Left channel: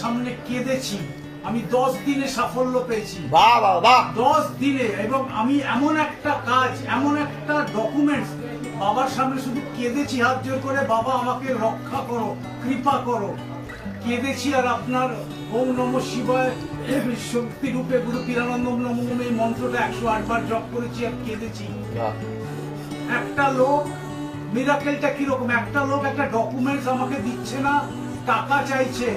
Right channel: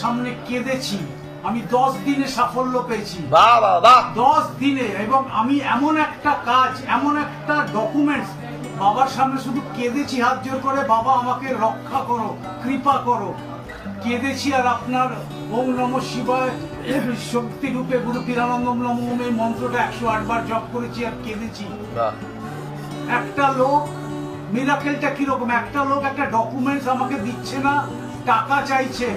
সামনে কেঁদেছি। আমি 10 দিনে সাফল্য পেয়েছি, 10 দিনে। এবং আমি এমন একটা কাজ, এমন একটা ডকুমেন্টস বাবার সামনে শুধু কেঁদেছি হাত জোর করে, বাবা আমাকে রক্ষা করো, কৃপা করো। কেঁদেছি আর আপনার ওম নমঃ শিবায় শক্তি রূপে গুরু পীরানন্দম নমঃ এই মন্ত্রটা 108 বার জপ করেছি আর কেঁদেছি। একটা লোক, মিরাকেলটা কিরকম, একটা লোক একটা ডকুমেন্টস আমাকে দিচ্ছে না, টাকা চাইছে,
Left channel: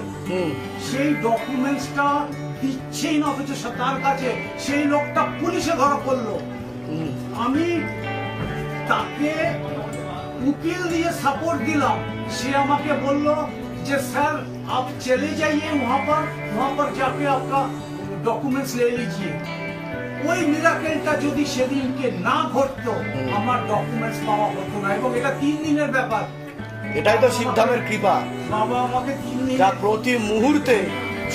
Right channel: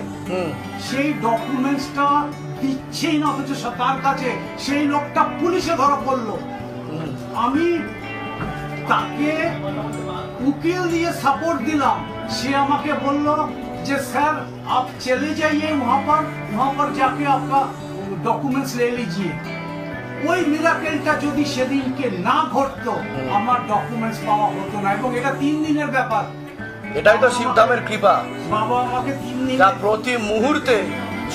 সেই ডকুমেন্টসটা দিচ্ছেই না, অথচ তার কাছে সেই লোকটা পুলিশে ধরা পড়লো। আমি তাকে উকিল দিয়ে সাপোর্ট দিলাম, সে আমাকে বলল যে স্যার आप चले जाइए वहां पर जाके आपका डॉक्यूमेंट्स ले लीजिए। ওই মিরাকেলটা যদি সেদিনকে না ঘটতো আমার ডকুমেন্টস পাওয়া হতো না। এবং এটা 3 দিনের ব্যাপার। এটাই তো শিবধামের কৃপা, বাবা আমাকে 3 দিন, যা প্রতি মুহূর্তে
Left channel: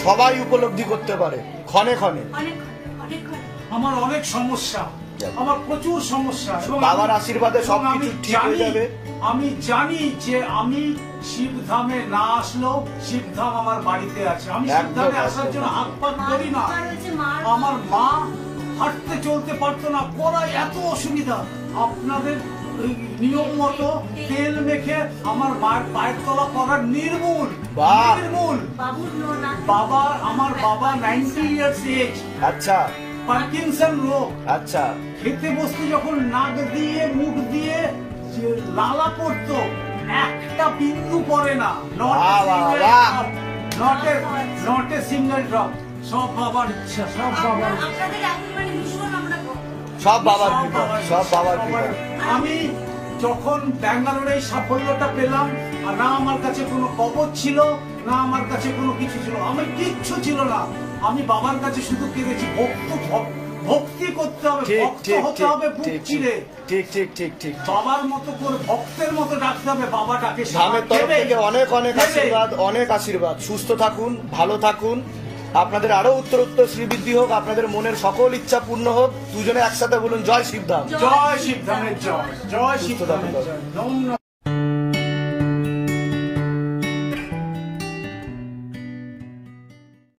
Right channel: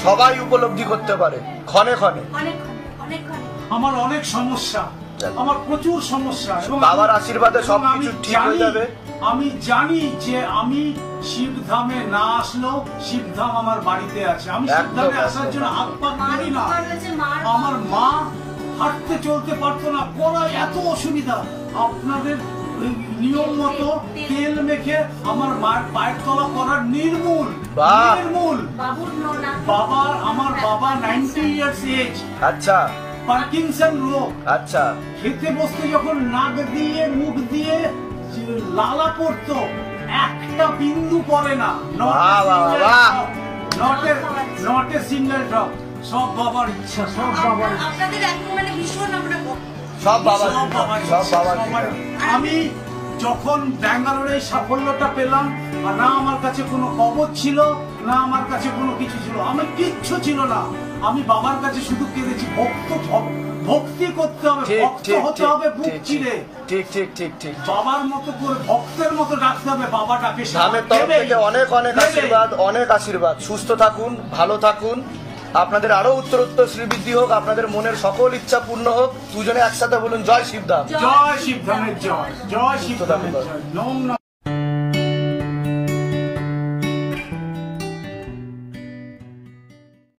সবাই উপলব্ধি করতে পারে। ক্ষণে ক্ষণে আমার অনেক সমস্যা, আমার প্রচুর সমস্যা, এবং বাবার আশীর্বাদে সবকিছু ঠিক হয়ে যাবে। আমি জানি যে আমি শিবধামে না আসলেও শিবধাম আমার বাড়িতে আছে। আমি শিবধামে আসার জন্য হাত পাত করি না। আমার মা হাঁটতে চলতে পারতো না, করায় এত অসুবিধা। আপনাদের নিয়ম মতো তেল মেখে আমার মায়ের পায়ের তলা করার নির্মূল। আমার বাবা 90 ইয়ার্স এজ। আচ্ছা, পার্কিনসন রোগ। আচ্ছা, খেতে বসতে যখন নাক দিয়ে মুখ দিয়ে লালা পড়তো, একটা বিন্দু পড়ে না, নট এ সিঙ্গেল ড্রপ। সব বাবার ইচ্ছা, সব বাবার আমি যখন ব্যাঙ্গালোরে সাফল্যটা পেলাম, না আমার কাছে কোনো কবচ ছিল, না আমার কাছে কোনো কিছু ছিল, আমার কিচ্ছু ছিল না। আমি বাবার কাছে শুধু কেঁদেছি। ভক্তি করতে হবে, ভক্ত হতে হবে বুক চিরে। ঠিক ঠিক ঠিক ঠিক। বাবার মতো করে ভক্তের মতো ডাকতে হবে। বাবা ডাকে, ধামের তরফ থেকে অনেক অনেক আশীর্বাদ, অনেক আশীর্বাদ। সুস্থ থাকুন, ভালো থাকুন, আপনাদের আরো উত্তরোত্তর শ্রীবৃদ্ধি হোক, আপনাদের মনের সকল ইচ্ছা পূর্ণ হোক। দুজনে একসাথে বলুন জয় শিবধাম। জয় শিবধামের জয়, জয় শিবধামের জয়।